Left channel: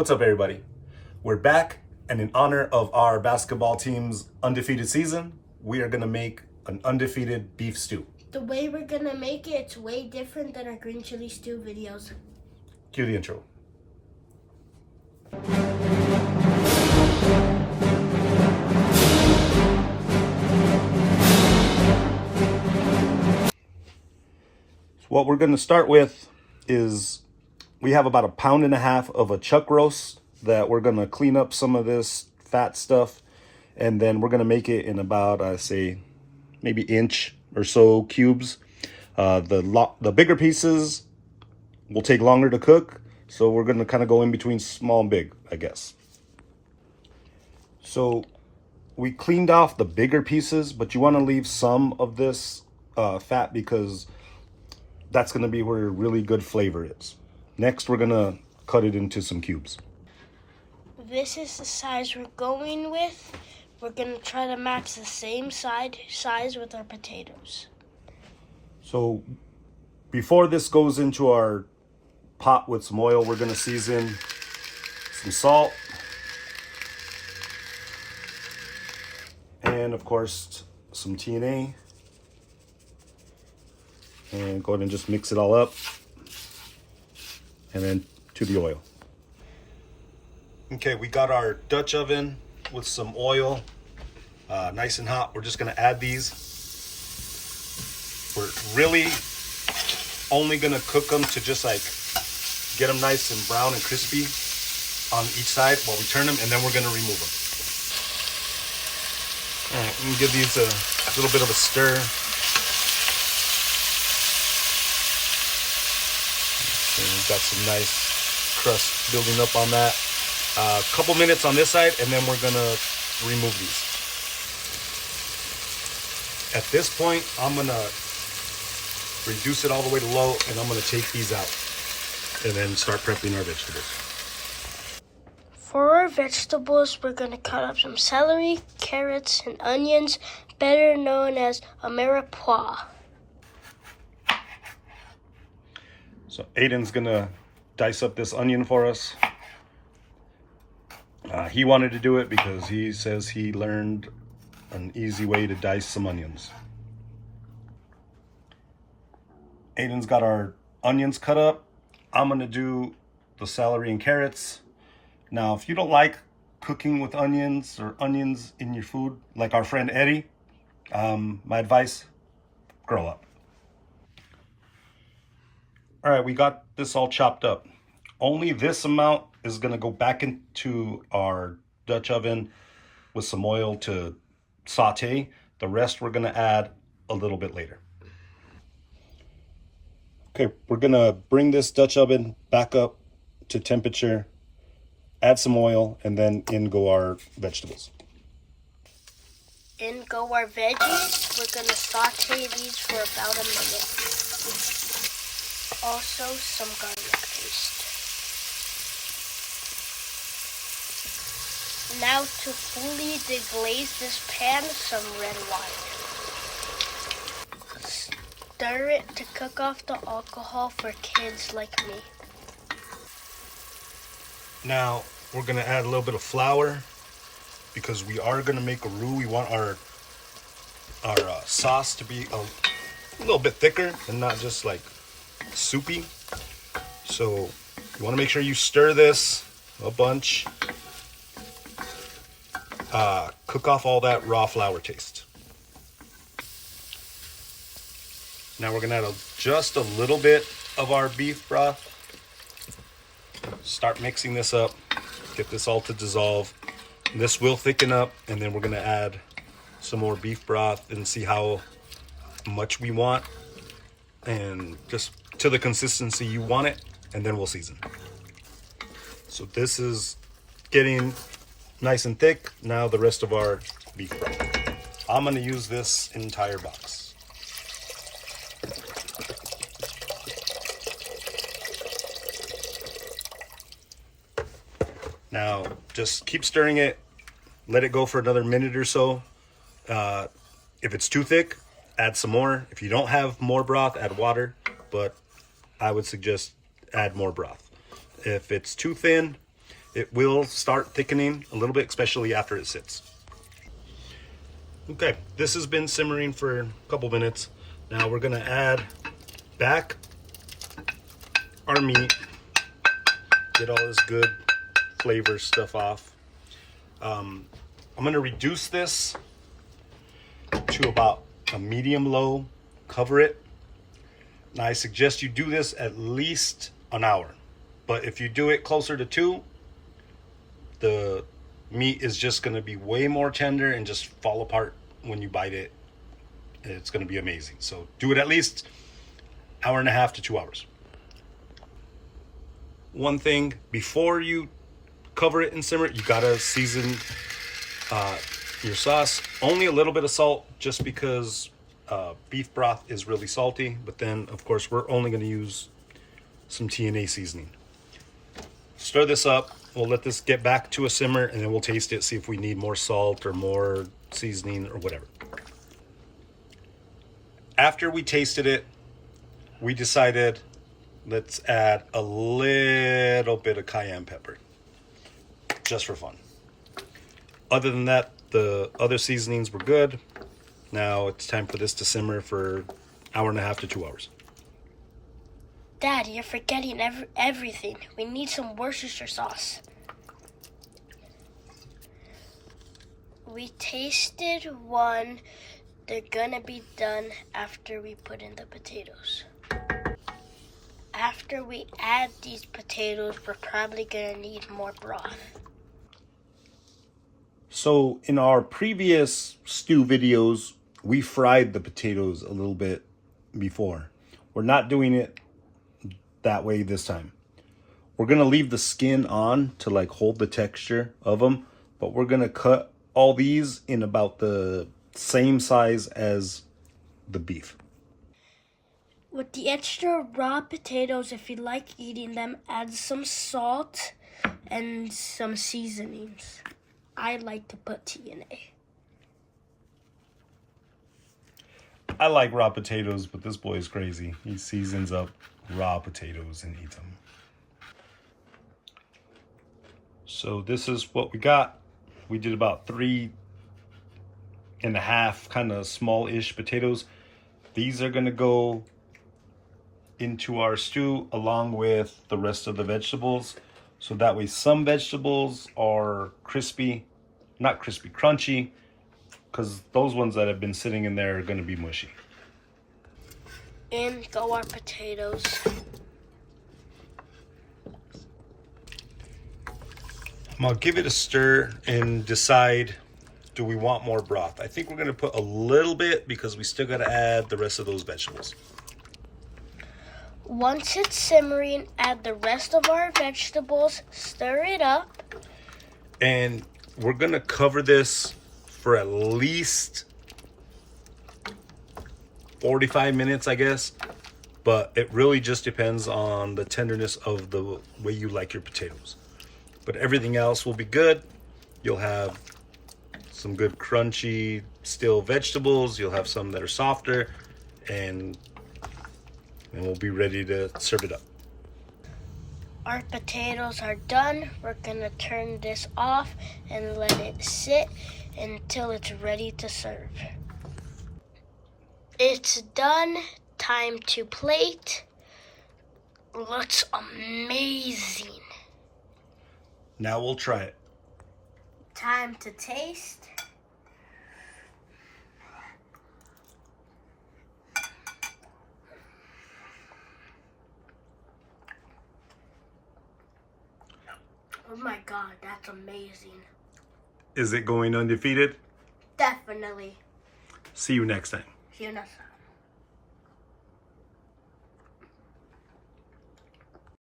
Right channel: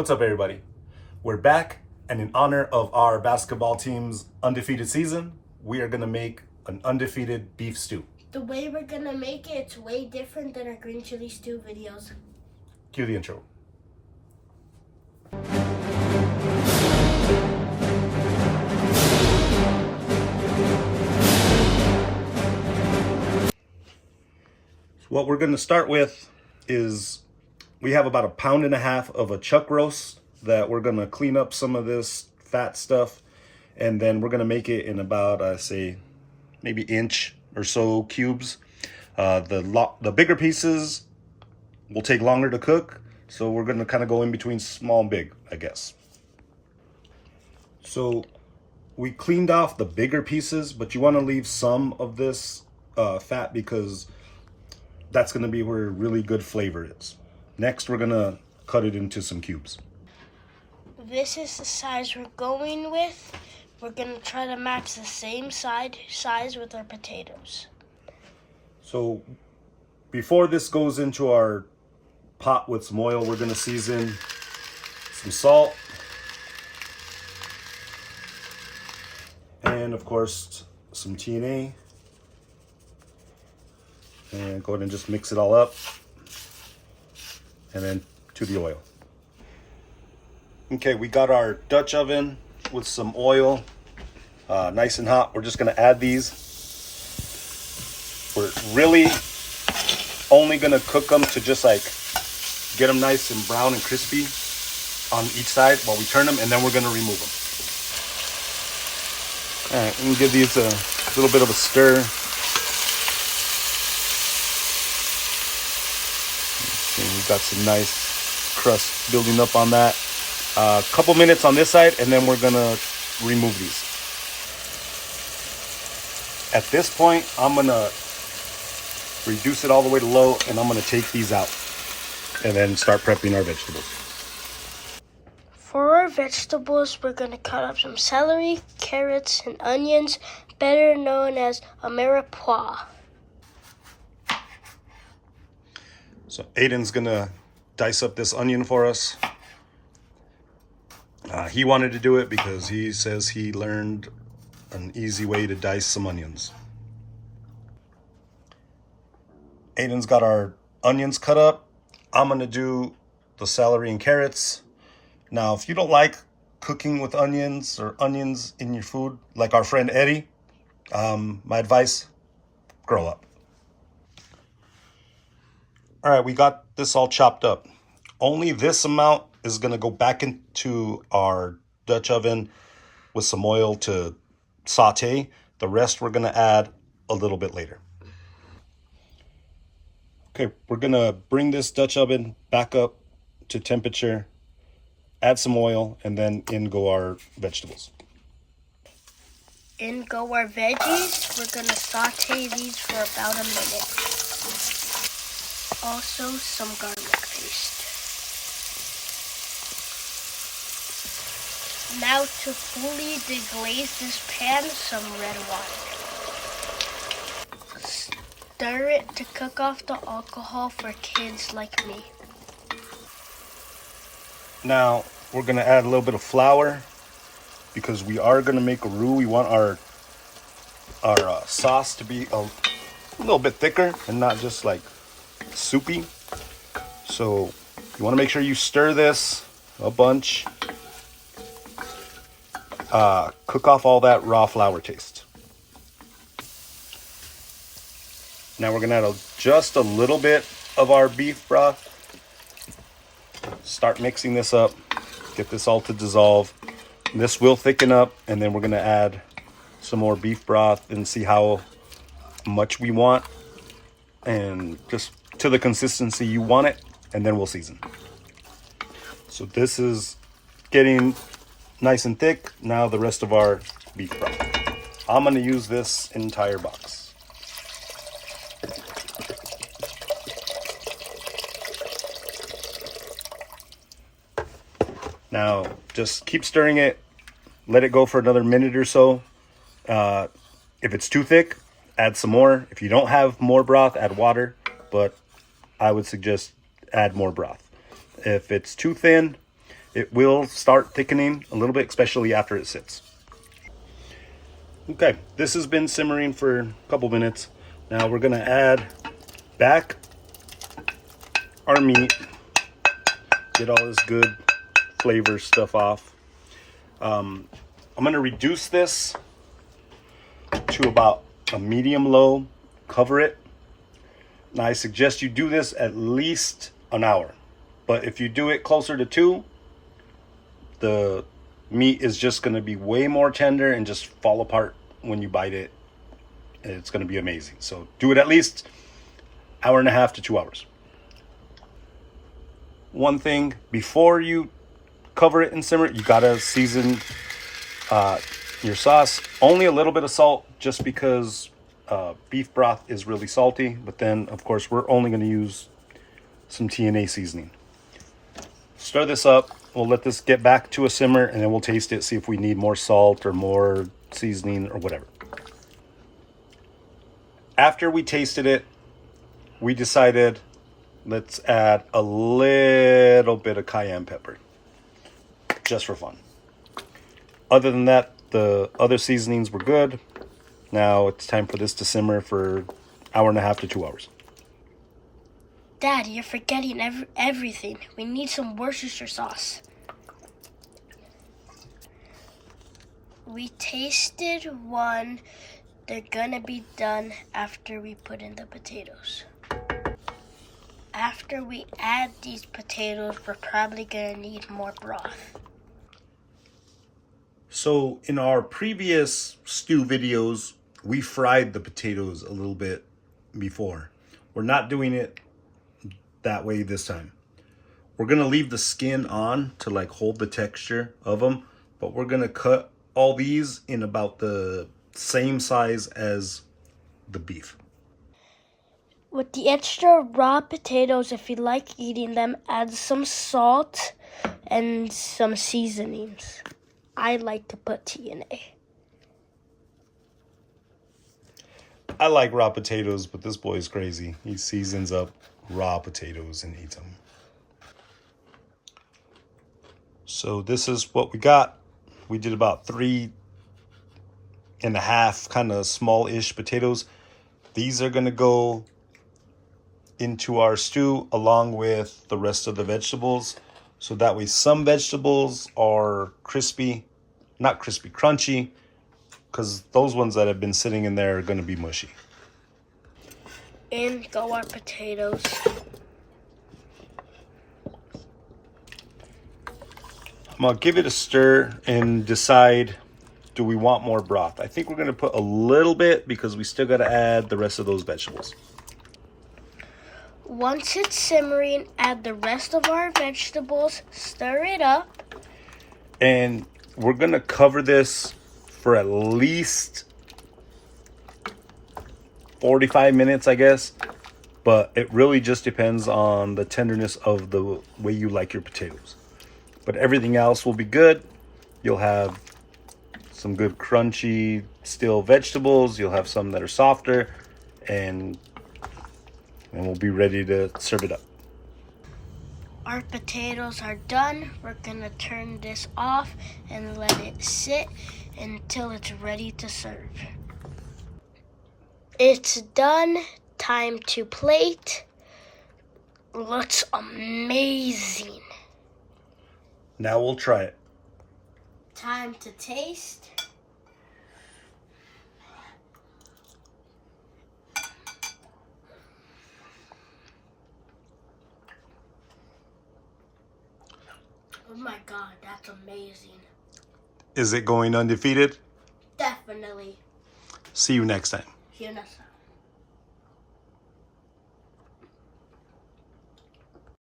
What's up, everybody? We're back, and in honor of our basketball team's undefeated season, we are gonna make an undefeated beef stew. The way we're gonna make it, it's way different than our green chili stew videos. Cue the intro. What we're gonna start with is we have about 1.5 pounds of a chuck roast that we're gonna clean up some of this fat stuff, and then we're gonna make it in about say maybe inch or so cubes. The bigger pieces will take longer to cook, so we're gonna kind of go in between small and big, I guess. So we cleaned off the bigger pieces, but you want to leave some of this fat because that's gonna be where really good flavor is. Next, we're gonna cut it into some cubes. This is the size we're going with. We're gonna try to match the same size with our potatoes. So before this goes into our pot with some oil, we're gonna season some salt. And of course, some TNA. And go ahead and just mix it all up. And then to the oil. Okay, we got our Dutch oven with some oil, nice and hot. We're just gonna add these. We're really only gonna cook them to just like get them nice and brown and crispy on each side while we turn them, and then we're gonna remove them. All right, let me give these a little bit of a stir. We've got some nice crust building up on that. A couple minutes on this side, and then we're gonna remove these. At this point, I'm gonna reduce it all the way to low, and I'm gonna take these out and then start prepping our vegetables. For our vegetables, we're gonna cut up some celery, carrots, and onions, better known as a mirepoix. So Aiden's gonna dice up this onion for us. He wanted to do it because he says he learned an easy way to dice some onions. Aiden's got our onions cut up. I'm gonna do the celery and carrots. Now, if you don't like cooking with onions or onions in your food, like our friend Eddie, my advice, grow up. All right, we got this all chopped up. Only this amount is gonna go back into our Dutch oven with some oil to saute. The rest we're gonna add a little bit later. Okay, we're gonna bring this Dutch oven back up to temperature, add some oil, and then in go our vegetables. In go our veggies. We're gonna saute these for about a minute. Also, some garlic paste. Now to fully deglaze this pan, some red wine. Stir it to cook off the alcohol for kids like me. Now we're gonna add a little bit of flour because we are gonna make a roux. We want our sauce to be a little bit thicker and not just like soupy. So you want to make sure you stir this a bunch. Cook off all that raw flour taste. Now we're gonna add just a little bit of our beef broth. Start mixing this up. Get this all to dissolve. And this will thicken up, and then we're gonna add some more beef broth and see how much we want, and just to the consistency you want it, and then we'll season. So this is getting nice and thick. Now the rest of our beef broth. I'm gonna use this entire box. Now just keep stirring it. Let it go for another minute or so. If it's too thick, add some more. If you don't have more broth, add water, but I would suggest add more broth. If it's too thin, it will start thickening a little bit, especially after it sits. Okay, this has been simmering for a couple minutes. Now we're gonna add back our meat, get all this good flavor stuff off. I'm gonna reduce this to about a medium low, cover it. Now I suggest you do this at least an hour, but if you do it closer to 2, the meat is just gonna be way more tender and just fall apart when you bite it. And it's gonna be amazing. So do it at least 1.5 to 2 hours. One thing, before you cover it and simmer it, you gotta season your sauce. Only a little bit of salt, just because beef broth is really salty. But then, of course, we're only gonna use some TNA seasoning. Stir this up. We'll let this get back to a simmer, and then we'll taste it, see if we need more salt or more seasoning or whatever. After we tasted it, we decided let's add a little bit of cayenne pepper, just for fun. Other than that, the other seasonings were good. Now it's time for this to simmer for 1.5 to 2 hours. Dad, you're forgetting everything. We need some Worcestershire sauce. We tasted one. They're gonna be done after we put in the potatoes. After we add these potatoes, we're probably gonna need more broth. So in our previous stew videos, we fried the potatoes a little bit before. We're not doing it that way this time. We're gonna leave the skin on to like hold the texture of them, but we're gonna cut all these in about the same size as the beef. With the extra raw potatoes, if you like eating them, add some salt and some seasonings. I like to put TNA. I like raw potatoes, but this boy is crazy. He seasons up raw potatoes and eats them. So this is what we got. We did about 3.5 kind of small-ish potatoes. These are gonna go into our stew along with the rest of the vegetables. So that way some vegetables are crispy, not crispy, crunchy, because those ones that have been sitting in there are gonna be mushy. In go our potatoes. I'm gonna give it a stir and decide, do we want more broth? I think we're gonna put a little bit because we still gotta add the rest of those vegetables. Once it's simmering, add the rest of our vegetables, stir it up. And we're gonna cover this for at least 45 minutes, I guess. But it really just depends on the tenderness of the way you like your potatoes. But everything else will be good. You'll have some good crunchy still vegetables. You'll have some that are softer, and we'll be ready to serve it up. Our potatoes are done. We're gonna turn this off and let it sit until it's ready to serve. It's done. Time to plate. Looks amazing. Now we'll try it. Time to taste. Oh my God, that's amazing. Is it going undefeated? Definitely. See you next time. See you next time.